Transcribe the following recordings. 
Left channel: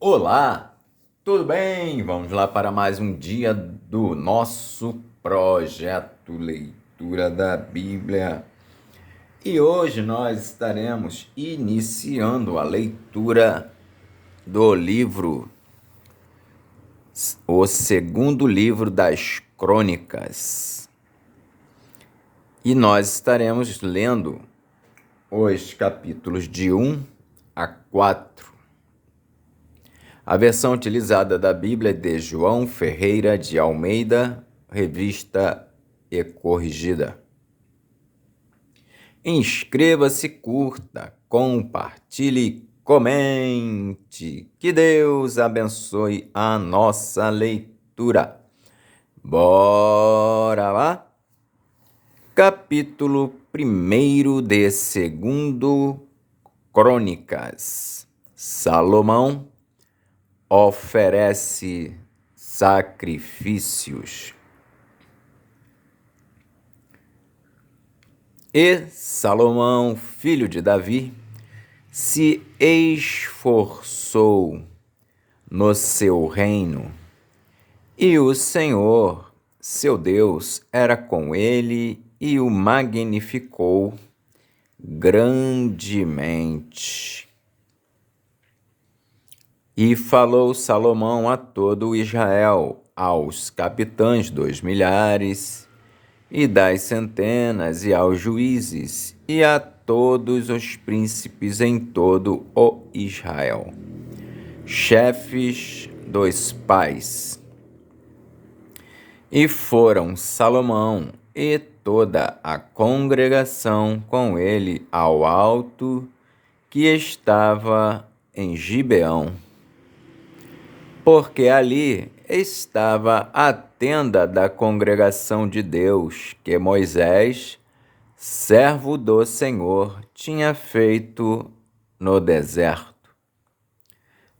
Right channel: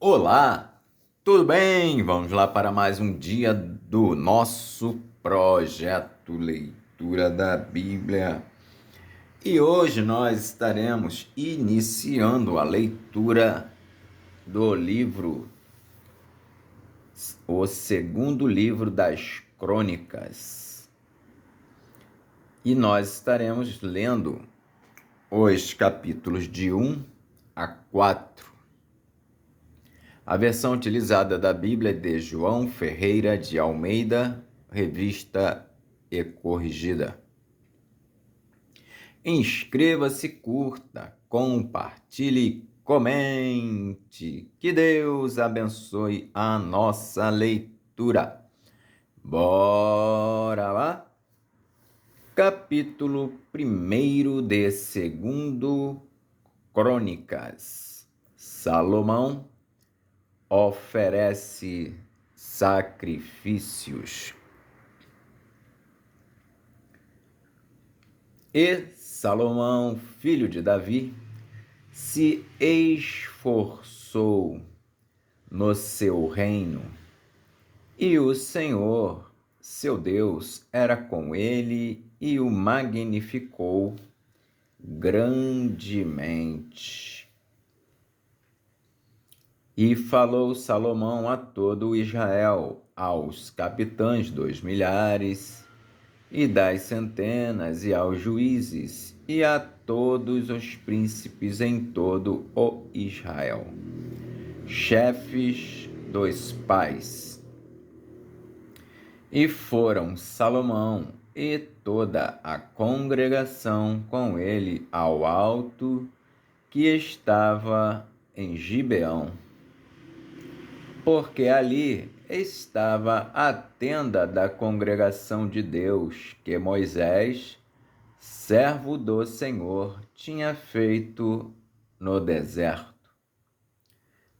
Olá, tudo bem? Vamos lá para mais um dia do nosso projeto Leitura da Bíblia. E hoje nós estaremos iniciando a leitura do livro, o segundo livro das Crônicas. E nós estaremos lendo os capítulos de 1 a 4. A versão utilizada da Bíblia é de João Ferreira de Almeida, revista e corrigida. Inscreva-se, curta, compartilhe, comente. Que Deus abençoe a nossa leitura. Bora lá? Capítulo 1 de 2 Crônicas. Salomão oferece sacrifícios. E Salomão, filho de Davi, se esforçou no seu reino, e o Senhor, seu Deus, era com ele e o magnificou grandemente. E falou Salomão a todo Israel, aos capitães dos milhares e das centenas, e aos juízes, e a todos os príncipes em todo o Israel, chefes dos pais. E foram Salomão e toda a congregação com ele ao alto que estava em Gibeão, porque ali estava a tenda da congregação de Deus, que Moisés, servo do Senhor, tinha feito no deserto.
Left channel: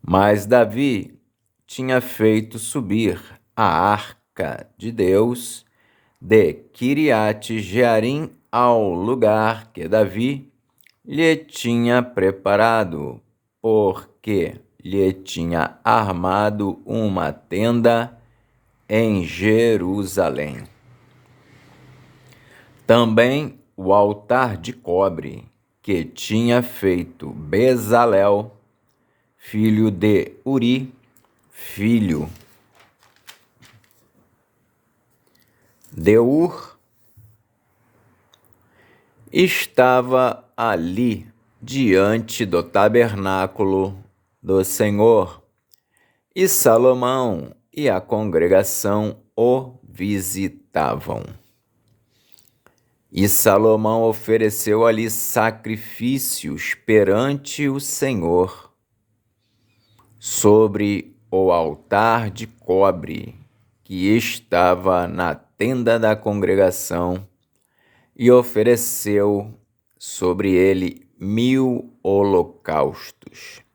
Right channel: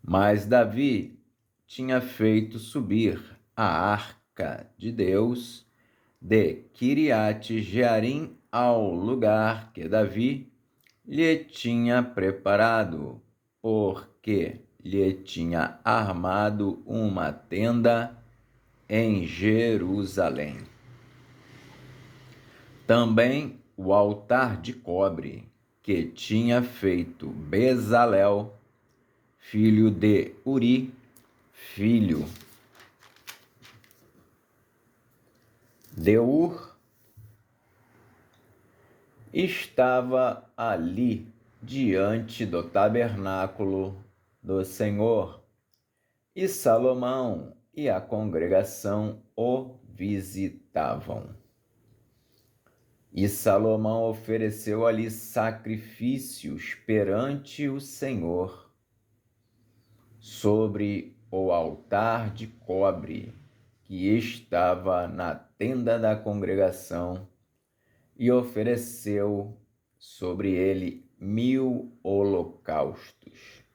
Mas Davi tinha feito subir a arca de Deus de Quiriate-Jearim ao lugar que Davi lhe tinha preparado, porque lhe tinha armado uma tenda em Jerusalém. Também o altar de cobre que tinha feito Bezalel, filho de Uri, filho de Ur, estava ali diante do tabernáculo do Senhor, e Salomão e a congregação o visitavam. E Salomão ofereceu ali sacrifícios perante o Senhor, sobre o altar de cobre que estava na tenda da congregação, e ofereceu sobre ele 1000 holocaustos.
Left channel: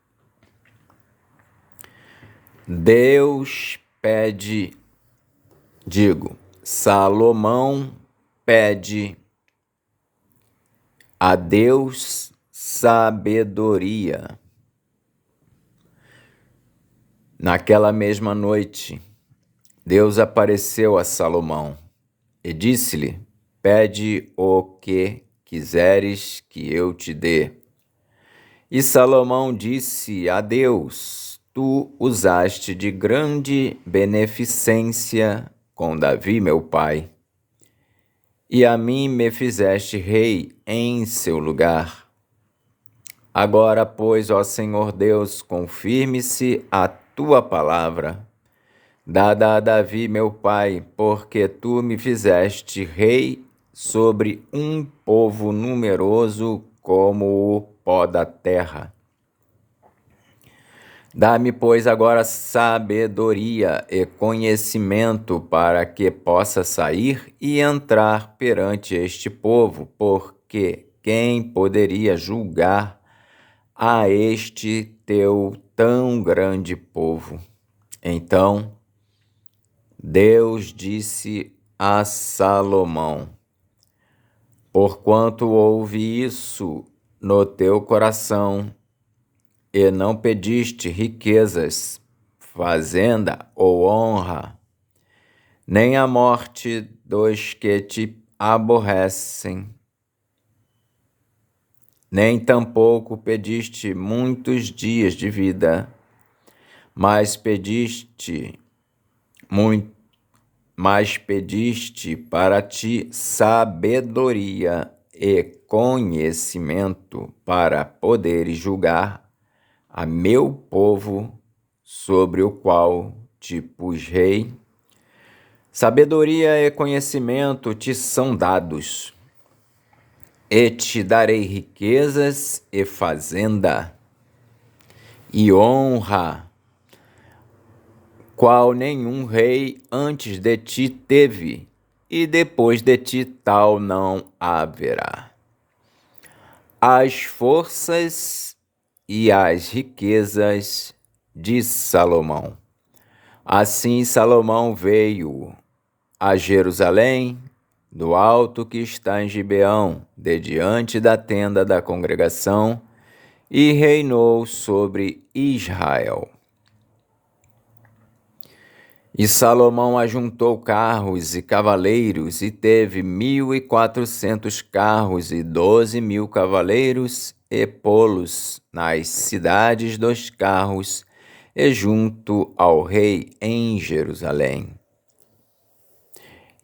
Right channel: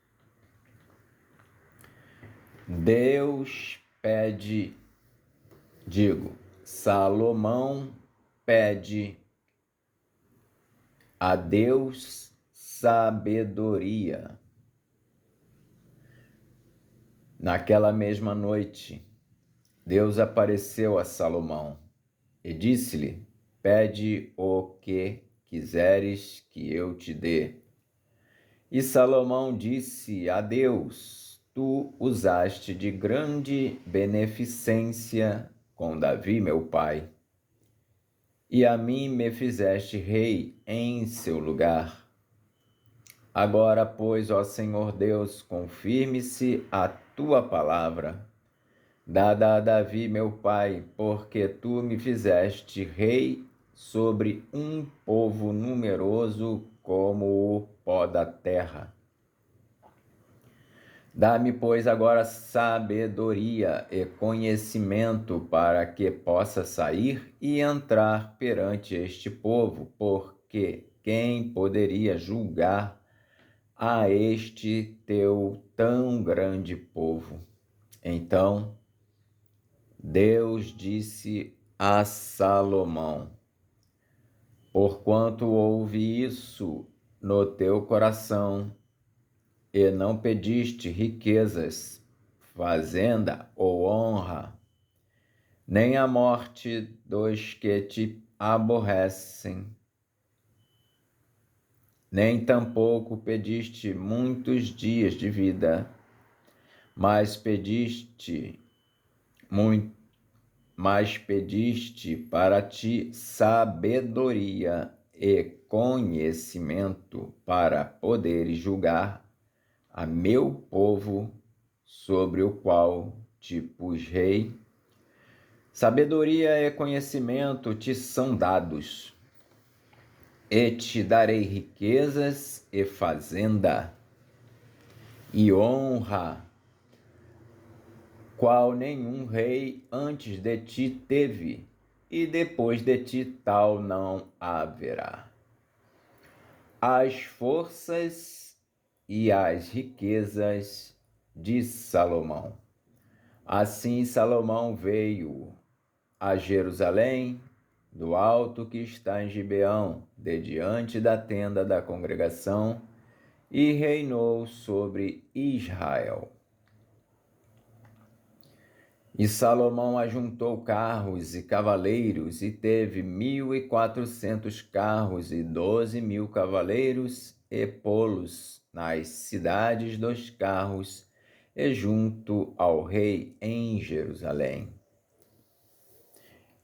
Salomão pede a Deus sabedoria. Naquela mesma noite, Deus apareceu a Salomão e disse-lhe: pede o que quiseres que eu te dê. E Salomão disse a Deus: tu usaste de grande beneficência com Davi, meu pai, e a mim me fizeste rei em seu lugar. Agora, pois, ó Senhor Deus, confirme-se a tua palavra, dada a Davi, meu pai, porque tu me fizeste rei sobre um povo numeroso como o pó da terra. Dá-me, pois, agora sabedoria e conhecimento para que possa sair e entrar perante este povo, porque quem poderia julgar a este teu tão grande povo? Então Deus disse a Salomão: porquanto houve isso no teu coração, e não pediste riquezas, fazenda ou honra, nem a morte dos que te aborrecem, nem tampouco pediste muitos dias de vida, mas pediste para ti sabedoria e conhecimento para poderes julgar a meu povo, sobre o qual te pus rei. Sabedoria e conhecimento te são dados, e te darei riquezas e fazenda, e honra, qual nenhum rei antes de ti teve, e depois de ti tal não haverá. As forças e as riquezas de Salomão. Assim Salomão veio a Jerusalém, do alto que está em Gibeão, de diante da tenda da congregação, e reinou sobre Israel. E Salomão ajuntou carros e cavaleiros, e teve 1.400 carros e 12.000 cavaleiros, e pô-los nas cidades dos carros, e junto ao rei em Jerusalém.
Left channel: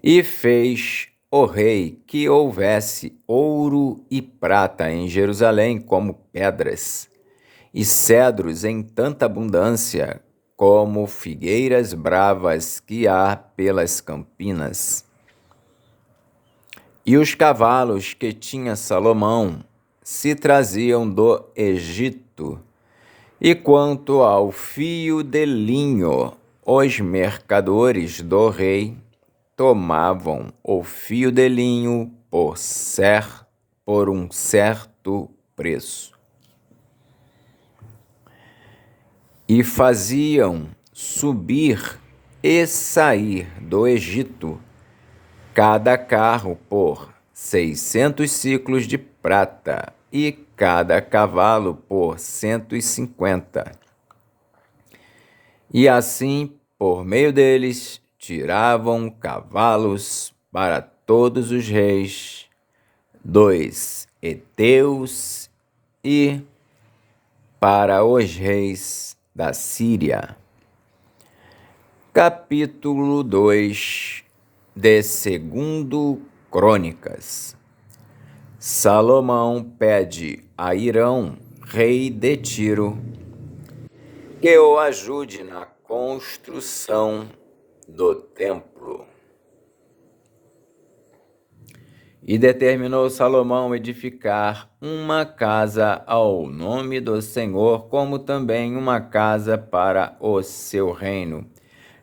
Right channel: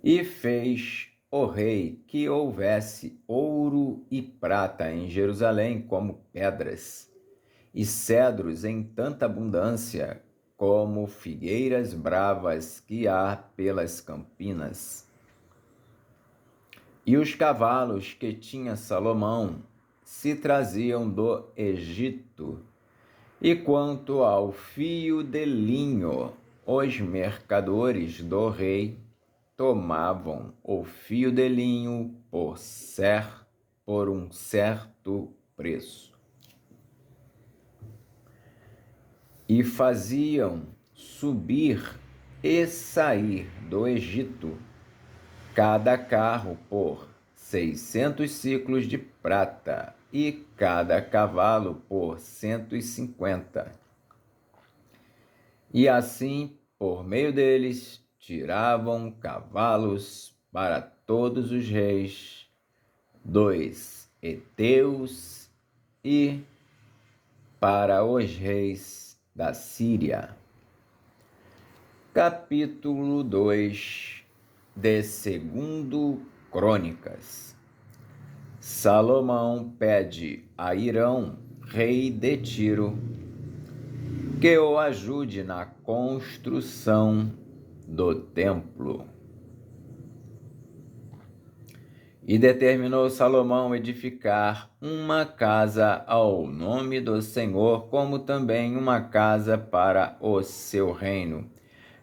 E fez o rei que houvesse ouro e prata em Jerusalém como pedras, e cedros em tanta abundância, como figueiras bravas que há pelas campinas. E os cavalos que tinha Salomão se traziam do Egito. E quanto ao fio de linho, os mercadores do rei tomavam o fio de linho por um certo preço. E faziam subir e sair do Egito cada carro por 600 siclos de prata, e cada cavalo por 150. E assim, por meio deles, tiravam cavalos para todos os reis dos heteus e para os reis da Síria. Capítulo 2 de 2 Crônicas. Salomão pede a Hirão, rei de Tiro, que o ajude na construção do templo. E determinou Salomão edificar uma casa ao nome do Senhor, como também uma casa para o seu reino.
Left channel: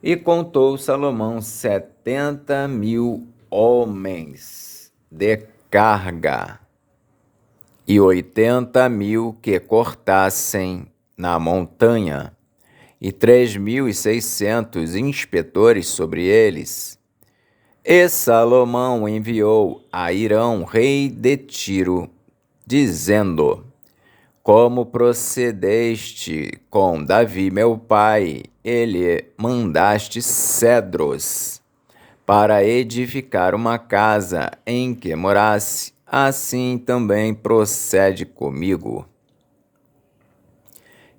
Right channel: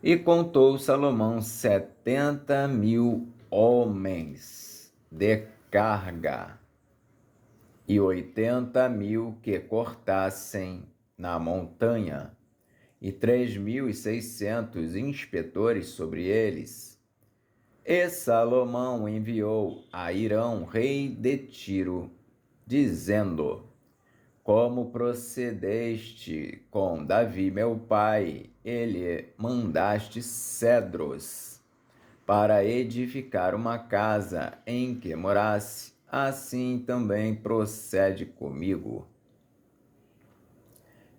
E contou Salomão 70.000 homens de carga, e 80.000 que cortassem na montanha, e 3.600 inspetores sobre eles. E Salomão enviou a Hirão, rei de Tiro, dizendo: como procedeste com Davi, meu pai, ele mandaste cedros para edificar uma casa em que morasse, assim também procede comigo.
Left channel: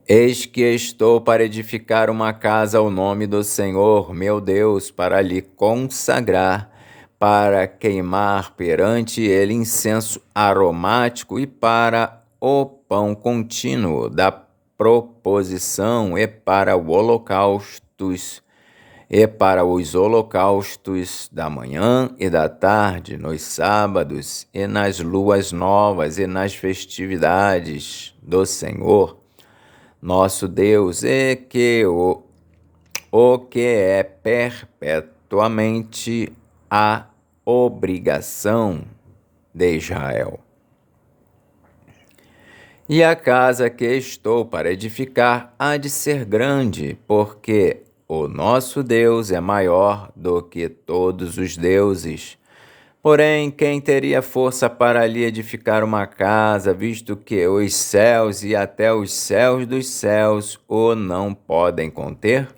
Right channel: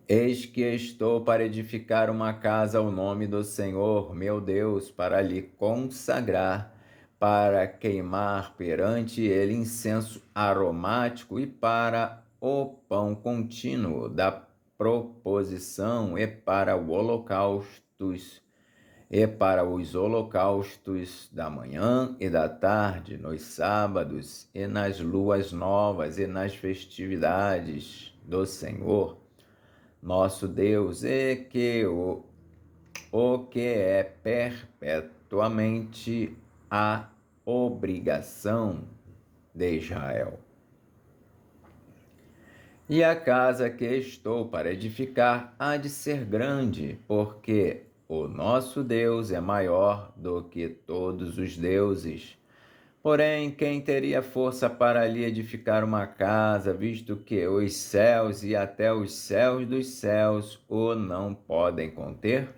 Eis que estou para edificar uma casa ao nome do Senhor, meu Deus, para lhe consagrar, para queimar perante ele incenso aromático, e para o pão contínuo da proposição, e para os holocaustos da manhã e da tarde, nos sábados e nas luas novas e nas festividades do Senhor nosso Deus, e que o que é perpetuamente a obrigação de Israel. E a casa que estou para edificar há de ser grande, porque o nosso Deus é maior do que todos os deuses, Porém, quem teria força para lhe edificar uma casa, visto que os céus e até os céus dos céus o não podem conter?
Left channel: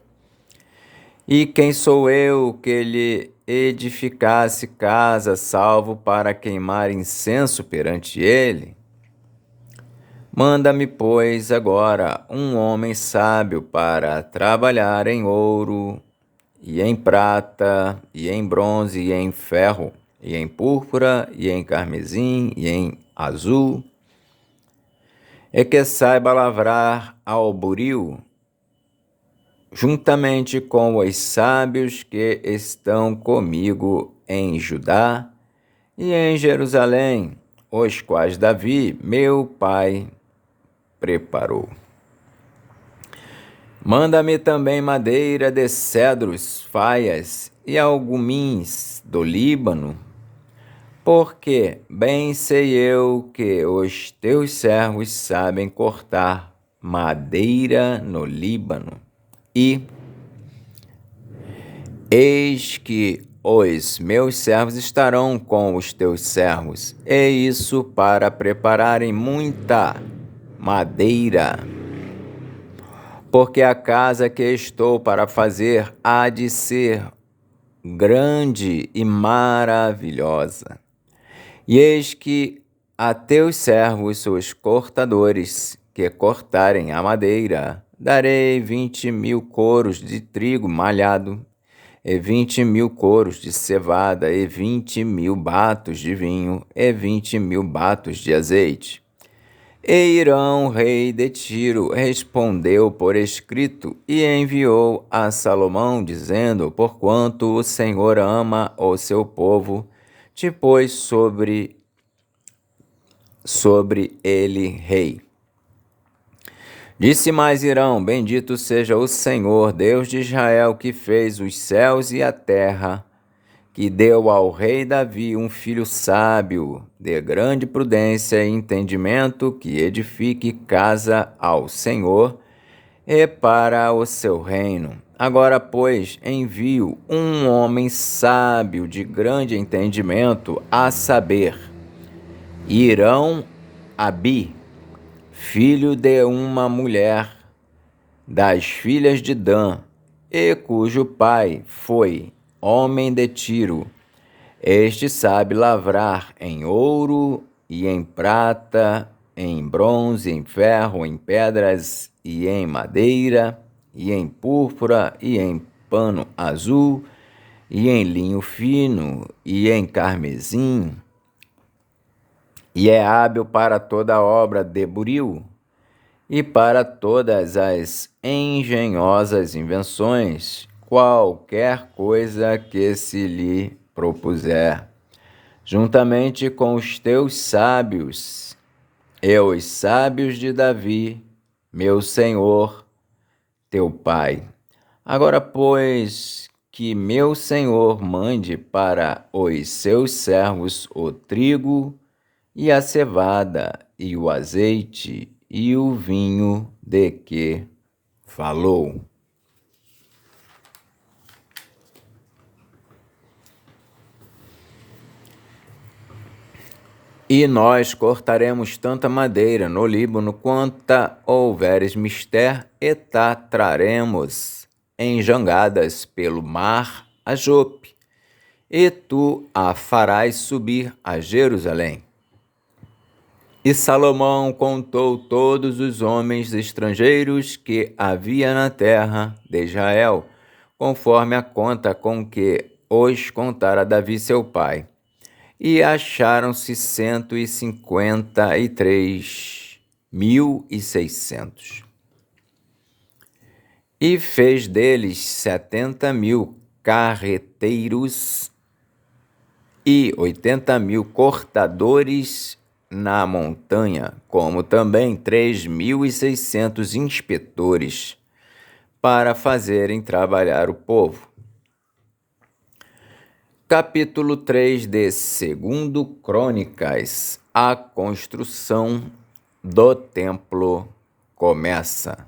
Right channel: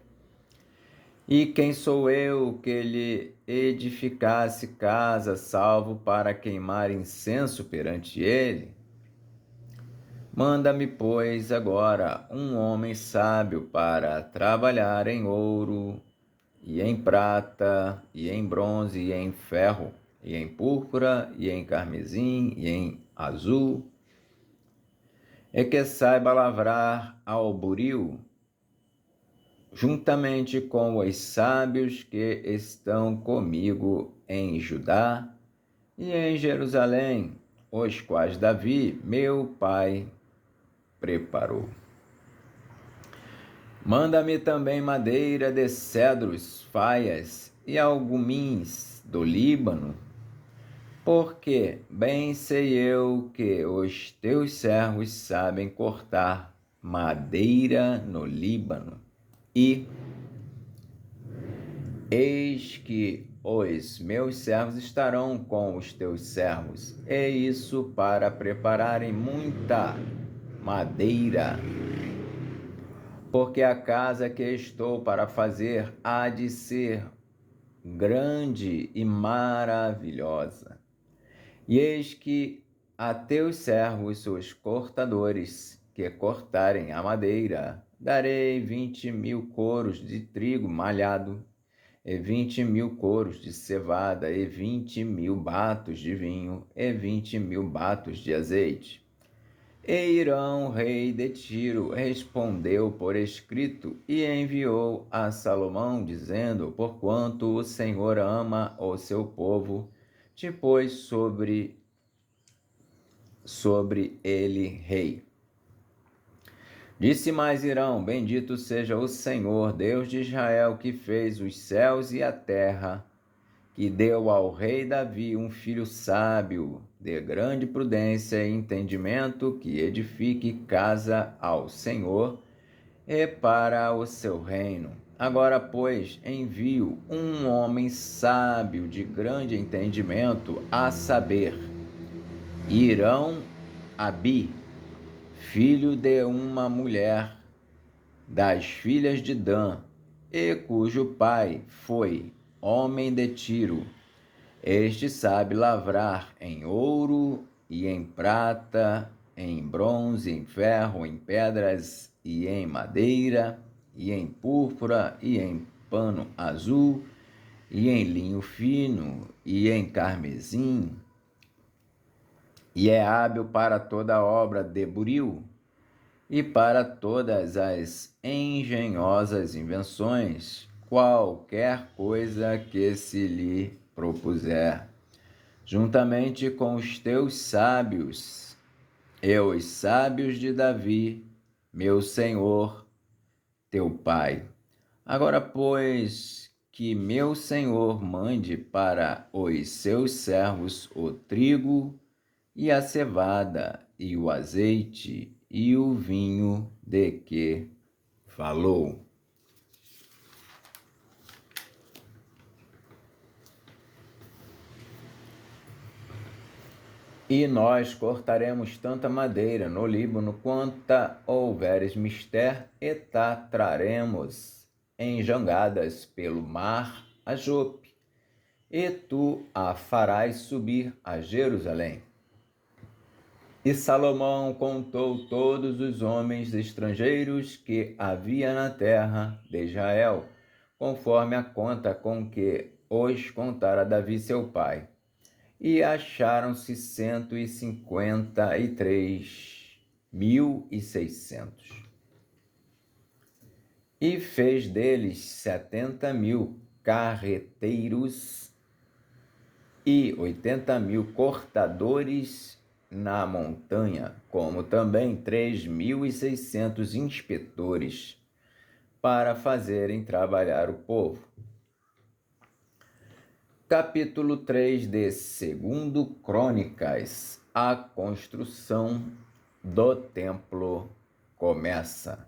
E quem sou eu que lhe edificasse casa, salvo para queimar incenso perante ele? Manda-me, pois, agora um homem sábio para trabalhar em ouro, e em prata, e em bronze, e em ferro, e em púrpura, e em carmesim, e em azul, e que saiba lavrar ao buril, juntamente com os sábios que estão comigo em Judá e em Jerusalém, os quais Davi, meu pai, preparou. Manda-me também madeira de cedros, faias e algumins do Líbano, porque bem sei eu que os teus servos sabem cortar madeira no Líbano. E eis que os meus servos estarão com os teus servos, e isso para prepararem muita madeira, porque a casa que estou para fazer há de ser grande e maravilhosa. E eis que a teus servos, os cortadores, que cortarem a madeira, darei 20.000 coros de trigo malhado, e 20.000 coros de cevada, e 20.000 batos de vinho, e 20.000 batos de azeite. E Irão, rei de Tiro, respondeu por escrito e enviou a Salomão, dizendo: porquanto o Senhor ama o seu povo, te pôs sobre ele rei. Disse mais Irão: bendito seja o Senhor, Deus de Israel, que fez os céus e a terra, que deu ao rei Davi um filho sábio, de grande prudência e entendimento, que edifique casa ao Senhor e para o seu reino. Agora, pois, envio um homem sábio de grande entendimento, a saber, Irão Abi, filho de uma mulher das filhas de Dan, e cujo pai foi homem de Tiro. Este sabe lavrar em ouro e em prata, em bronze, em ferro, em pedras e em madeira, e em púrpura, e em pano azul, e em linho fino, e em carmesim, e é hábil para toda obra de buril, e para todas as engenhosas invenções, qualquer coisa que se lhe propuser, juntamente com os teus sábios, e os sábios de Davi, meu senhor, teu pai. Agora, pois, que meu senhor mande para os seus servos o trigo e a cevada e o azeite e o vinho de que falou. E nós cortaremos tanta madeira no Líbano quanta houveres mister, e traremos em jangadas pelo mar a Jope, e tu a farás subir a Jerusalém. E Salomão contou todos os homens estrangeiros que havia na terra de Israel, conforme a conta com que os contara Davi seu pai. E acharam-se 153.600. E fez deles 70.000 carreteiros e 80.000 cortadores na montanha, como também 3.600 inspetores para fazerem trabalhar o povo. Capítulo 3 de 2 Crônicas. A construção do templo começa.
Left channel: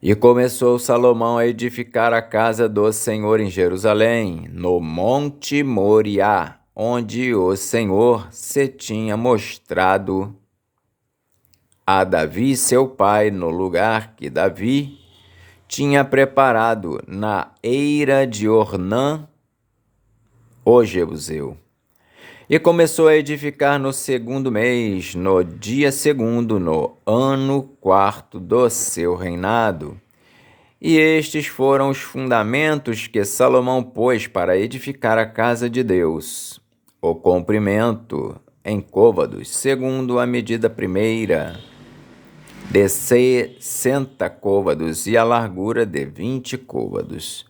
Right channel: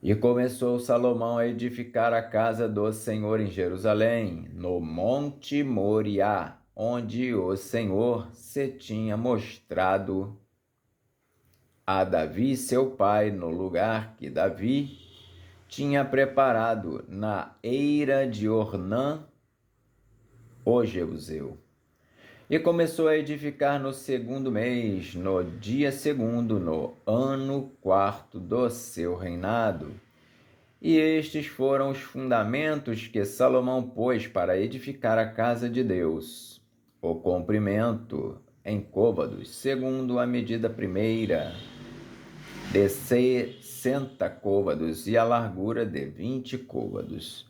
E começou Salomão a edificar a casa do Senhor em Jerusalém, no Monte Moriá, onde o Senhor se tinha mostrado a Davi, seu pai, no lugar que Davi tinha preparado na eira de Ornã, o Jebuseu. E começou a edificar no 2º mês, no dia 2º, no ano 4º do seu reinado. E estes foram os fundamentos que Salomão pôs para edificar a casa de Deus. O comprimento em côvados, segundo a medida primeira, de 60 côvados, e a largura de 20 côvados.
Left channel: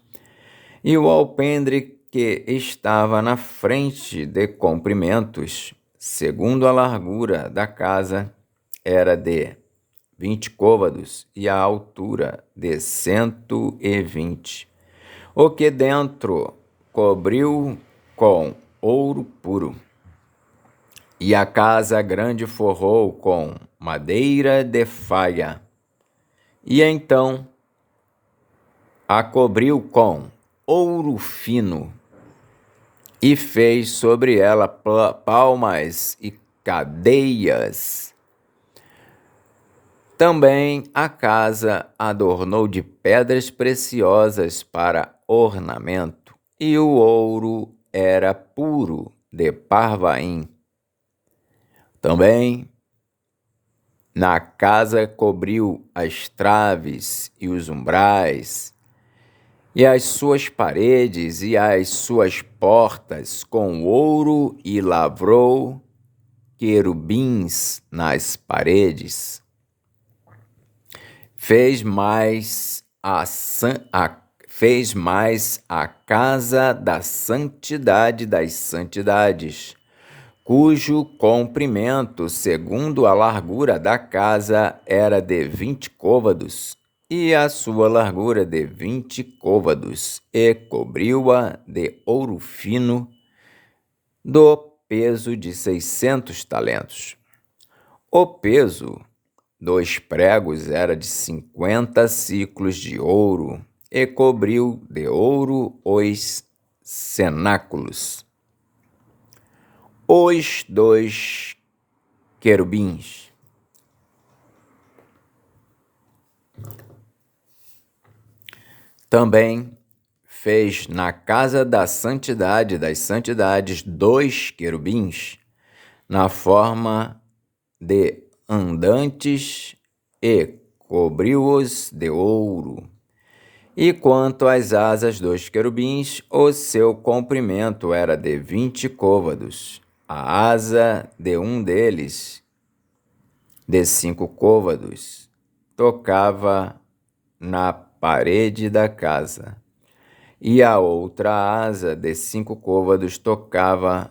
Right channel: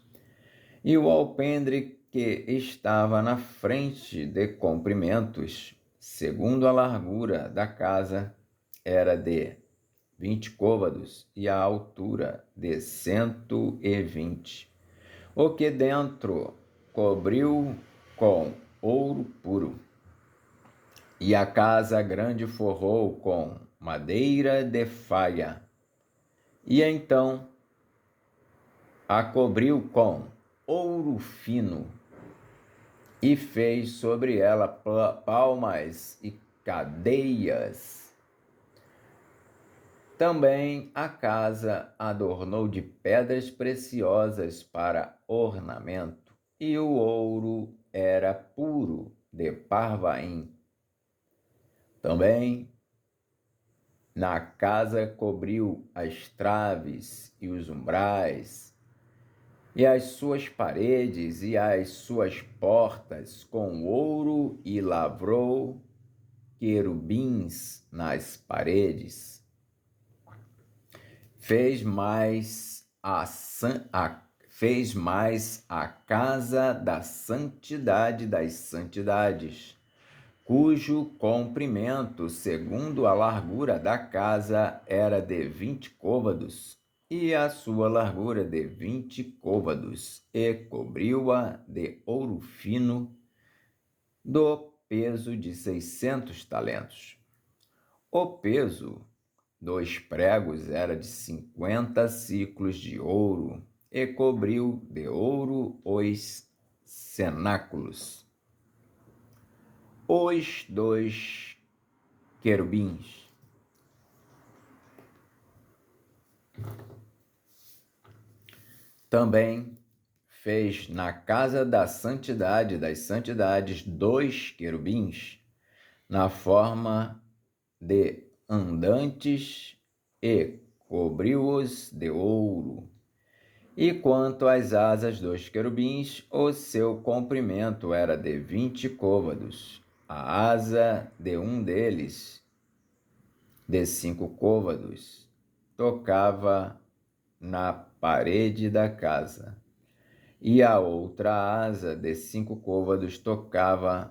E o alpendre que estava na frente de comprimentos, segundo a largura da casa, era de 20 côvados e a altura de 120, o que dentro cobriu com ouro puro. E a casa grande forrou com madeira de faia, e então a cobriu com ouro fino, e fez sobre ela palmas e cadeias. Também a casa adornou de pedras preciosas para ornamento, e o ouro era puro de Parvaim. Também na casa cobriu as traves e os umbrais, e as suas paredes e as suas portas com ouro, e lavrou querubins nas paredes. Fez mais a casa da santidade das santidades, cujo comprimento, segundo a largura da casa, era de 20 côvados, e a sua largura de 20 côvados, e cobriu-a de ouro fino, do peso de 600 talentos. O peso dos pregos era de 50 siclos de ouro, e cobriu de ouro os cenáculos. Os 2 querubins. Também fez na casa da santidade das santidades 2 querubins, na forma de andantes, e cobriu-os de ouro. E quanto às asas dos querubins, o seu comprimento era de 20 côvados. A asa de um deles, de 5 côvados, tocava na parede da casa, e a outra asa de 5 côvados tocava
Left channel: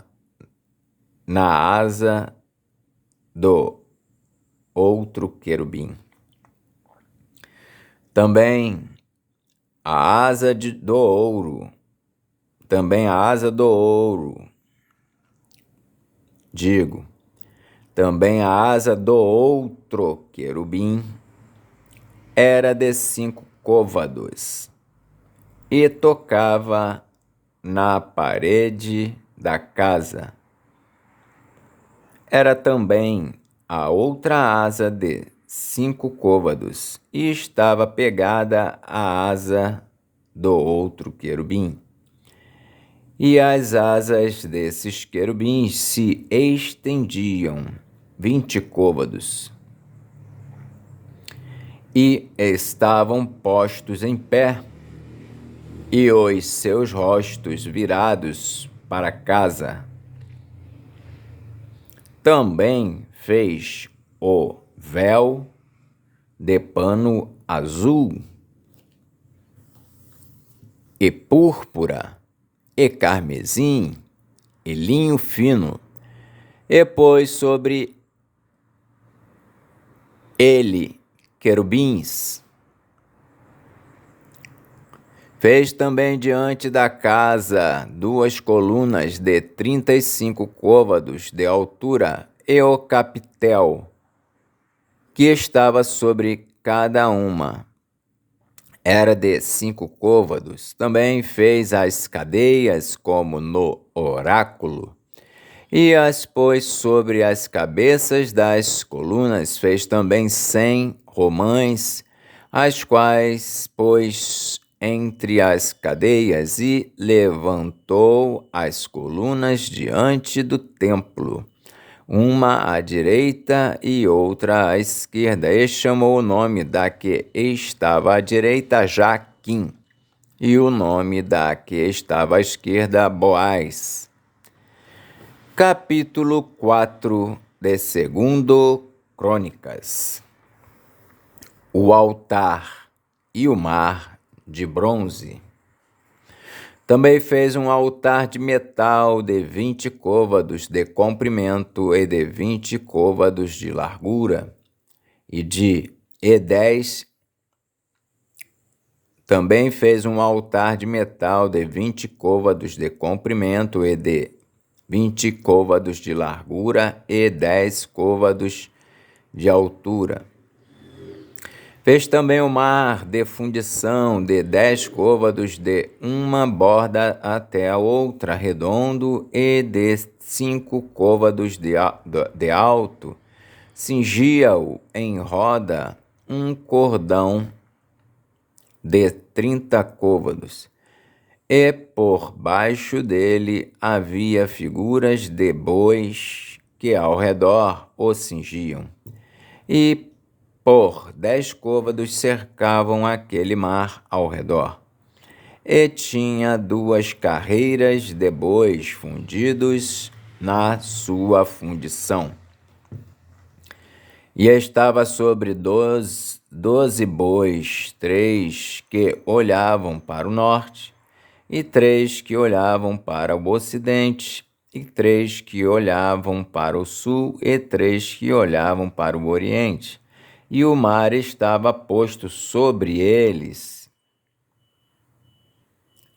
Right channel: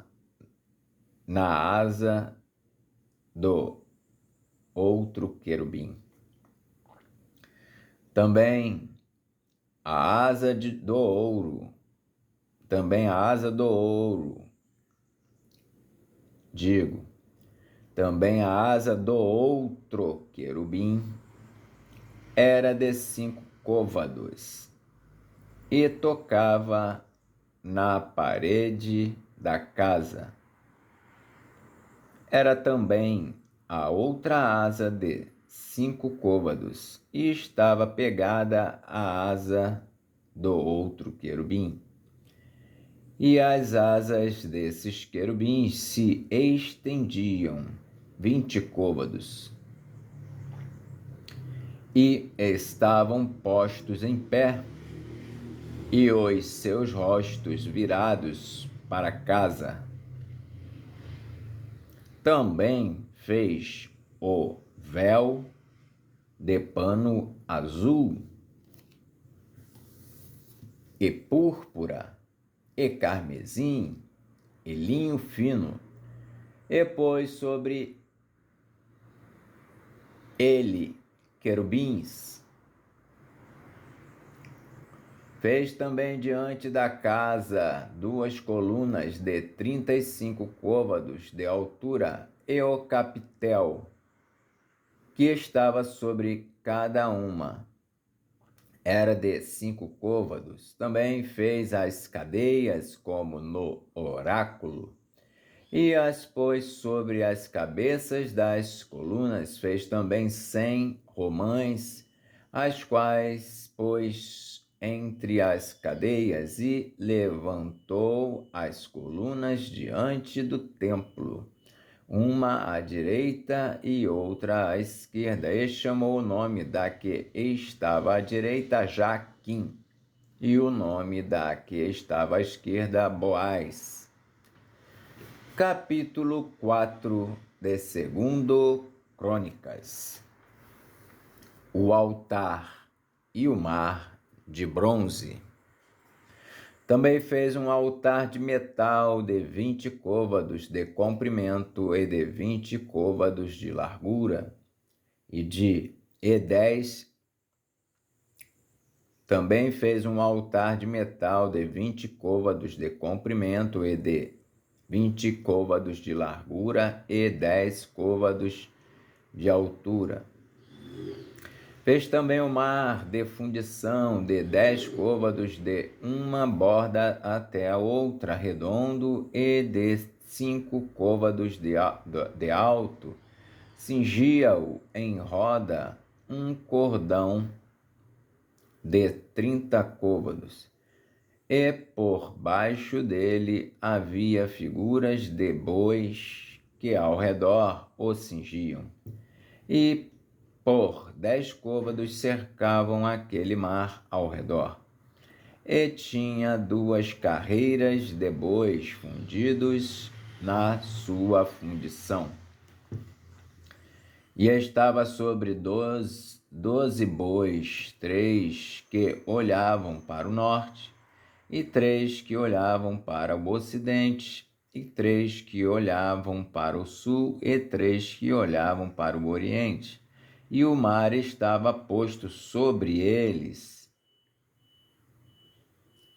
na asa do outro querubim. Também a asa do ouro, também a asa do ouro, também a asa do outro querubim era de 5 côvados, e tocava na parede da casa. Era também a outra asa de 5 côvados, e estava pegada à asa do outro querubim. E as asas desses querubins se estendiam 20 côvados, e estavam postos em pé, e os seus rostos virados para casa. Também fez o véu de pano azul, e púrpura, e carmesim, e linho fino, e pôs sobre ele querubins. Fez também diante da casa 2 colunas de 35 côvados de altura, e o capitel que estava sobre cada uma era de 5 côvados. Também fez as cadeias como no oráculo, E as pôs sobre as cabeças das colunas, fez também 100 romães, as quais pôs entre as cadeias e levantou as colunas diante do templo, uma à direita e outra à esquerda, e chamou o nome da que estava à direita Jaquim, e o nome da que estava à esquerda Boaz. Capítulo 4 de 2 Crônicas. O altar e o mar de bronze. Também fez um altar de metal de 20 côvados de comprimento e de 20 côvados de largura, e 10. Também fez um altar de metal de 20 côvados de comprimento e de 20 côvados de largura e 10 côvados de altura. Fez também o mar de fundição de 10 côvados de uma borda até a outra, redondo, e de 5 côvados de alto. Cingia-o em roda um cordão de 30 côvados, e por baixo dele havia figuras de bois que ao redor o cingiam, e por 10 côvados cercavam aquele mar ao redor. E tinha 2 carreiras de bois fundidos na sua fundição. E estava sobre 12 bois, 3 que olhavam para o norte, e 3 que olhavam para o ocidente, e 3 que olhavam para o sul, e 3 que olhavam para o oriente. E o mar estava posto sobre eles,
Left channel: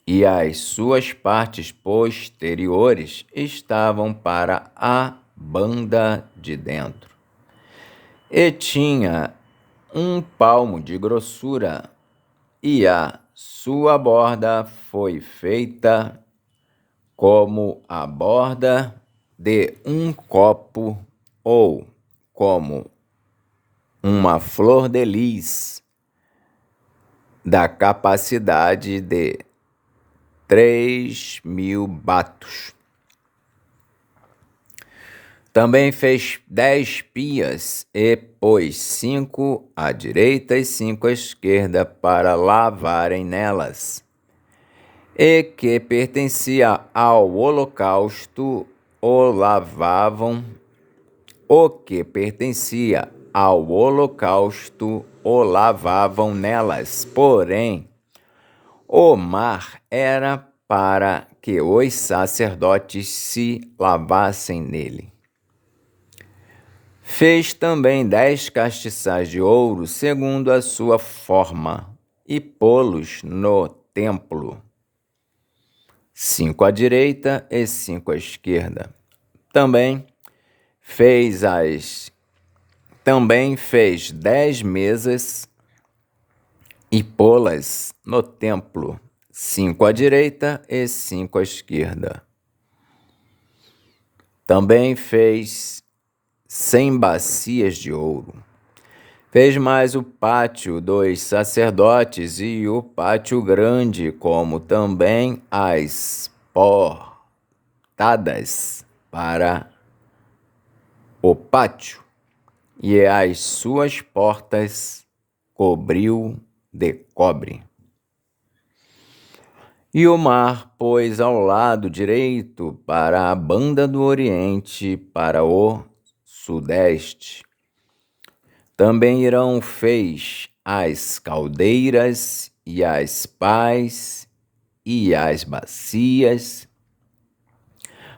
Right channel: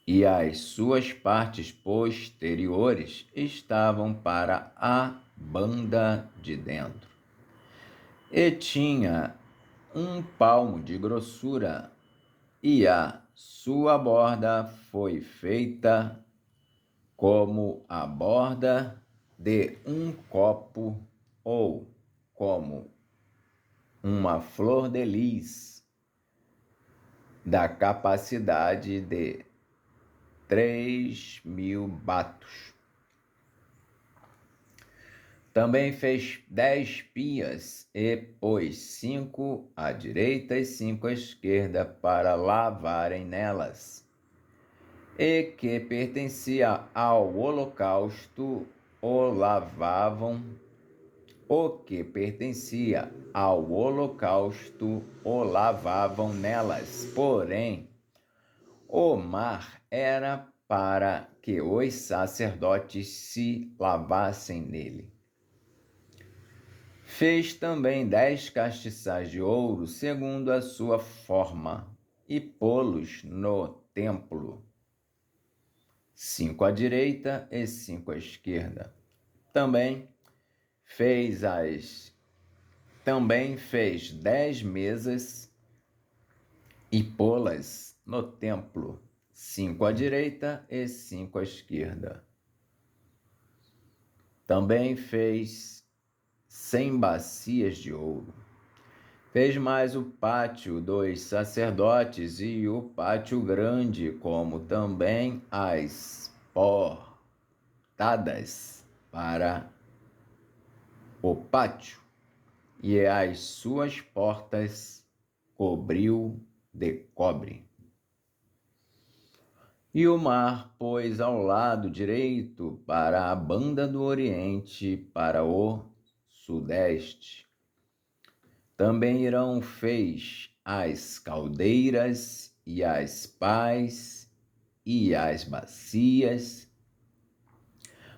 e as suas partes posteriores estavam para a banda de dentro. E tinha 1 palmo de grossura, e a sua borda foi feita como a borda de um copo, ou como uma flor de lis, da capacidade de 3.000 batos. Também fez 10 pias e pôs 5 à direita e 5 à esquerda para lavarem nelas. E que pertencia ao holocausto o lavavam. O que pertencia ao holocausto o lavavam nelas. Porém, o mar era para que os sacerdotes se lavassem nele. Fez também 10 castiçais de ouro, segundo a sua forma, e pô-los no templo, 5 à direita e 5 à esquerda. Também fez 10 mesas e pô-las no templo, 5 à direita e 5 à esquerda. Também fez 100 bacias de ouro. Fez mais o pátio dos sacerdotes e o pátio grande, como também as portadas para o pátio, e as suas portas cobriu de cobre. E o mar pôs ao lado direito para a banda do oriente, para o sudeste. Também Irão fez as caldeiras e as pás e as bacias.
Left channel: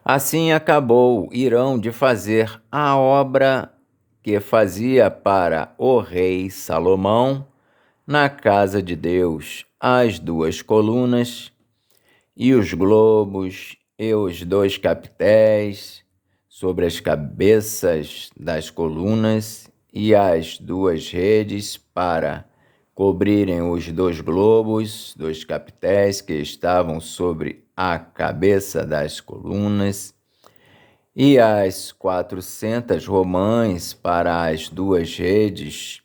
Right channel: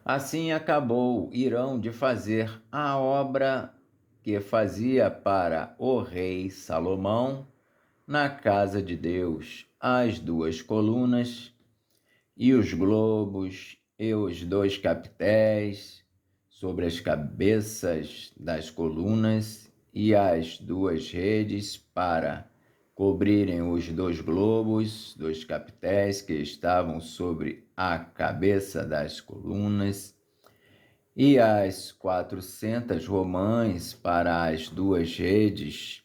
Assim acabou Irão de fazer a obra que fazia para o rei Salomão na casa de Deus, as 2 colunas e os globos e os 2 capitéis sobre as cabeças das colunas, e as 2 redes para cobrirem os 2 globos, 2 capitéis que estavam sobre a cabeça das colunas, e as 400 romãs para as 2 redes,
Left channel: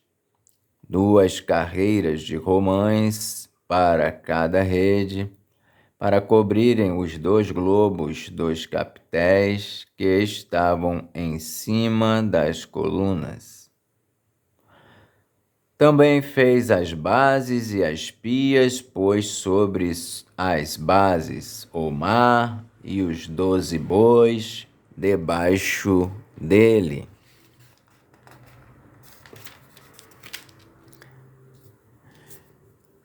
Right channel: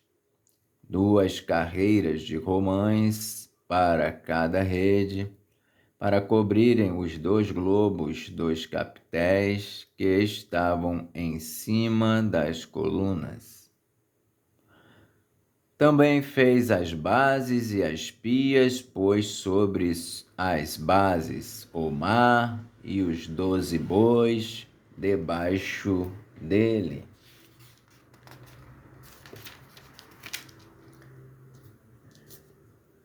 2 carreiras de romãs para cada rede, para cobrirem os 2 globos dos capitéis que estavam em cima das colunas. Também fez as bases e as pias, pôs sobre as bases o mar e os 12 bois debaixo dele.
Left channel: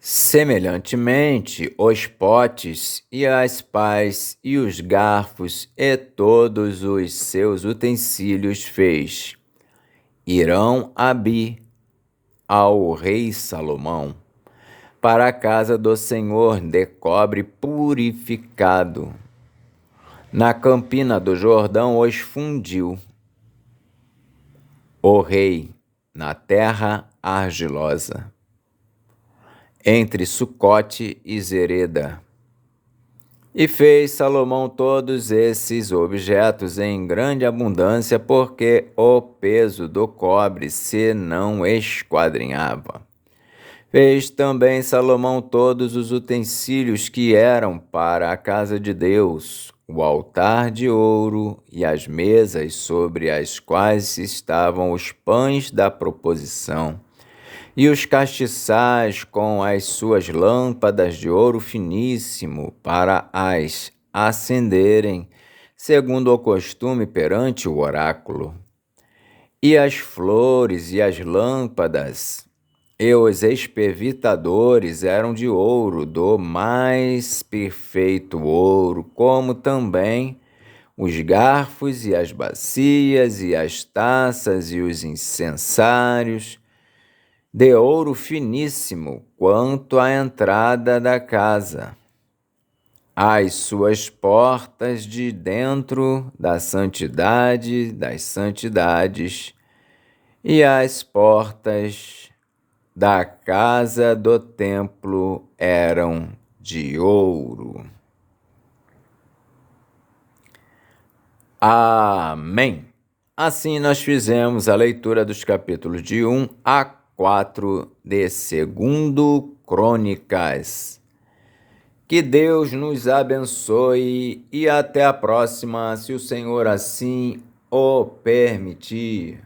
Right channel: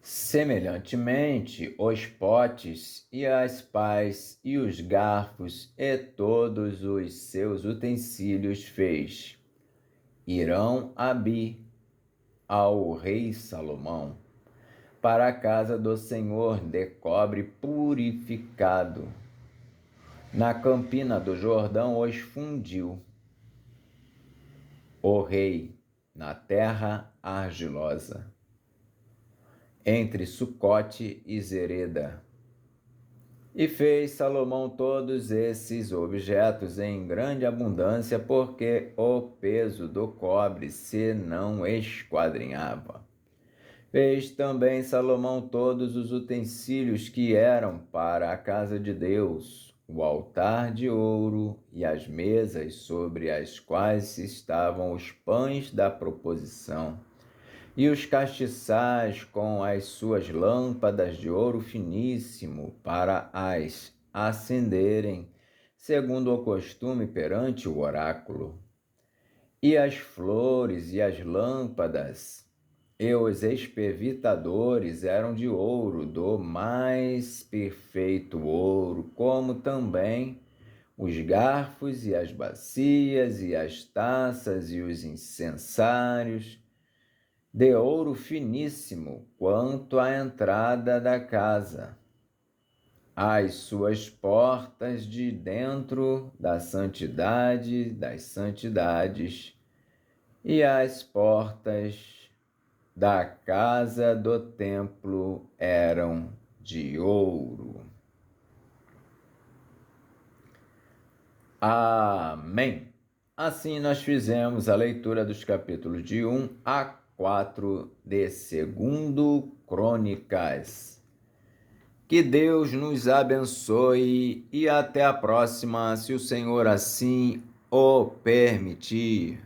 Semelhantemente, os potes e as pás e os garfos e todos os seus utensílios fez Irão-Abi ao rei Salomão, para a casa do Senhor de cobre purificado. Na campina do Jordão os fundiu o rei na terra argilosa, entre Sucote e Zereda. E fez Salomão todos esses objetos em grande abundância, porque o peso do cobre se não esquadrinhava. Fez também Salomão todos os utensílios que eram para a casa de Deus, o altar de ouro e as mesas sobre as quais estavam os pães da proposição, e os castiçais com as suas lâmpadas de ouro finíssimo para as acenderem, segundo o costume perante o oráculo. E as flores e as lâmpadas e os espervitadores eram de ouro, do mais perfeito ouro, como também os garfos e as bacias e as taças e os incensários, de ouro finíssimo, quanto à entrada da casa. As suas portas de dentro da santidade das santidades e as portas da casa do templo eram de ouro. Amém. Assim nós fizemos a leitura dos capítulos de 1 a 4 de 2 Crônicas. Que Deus nos abençoe e até a próxima, se o Senhor assim o permitir.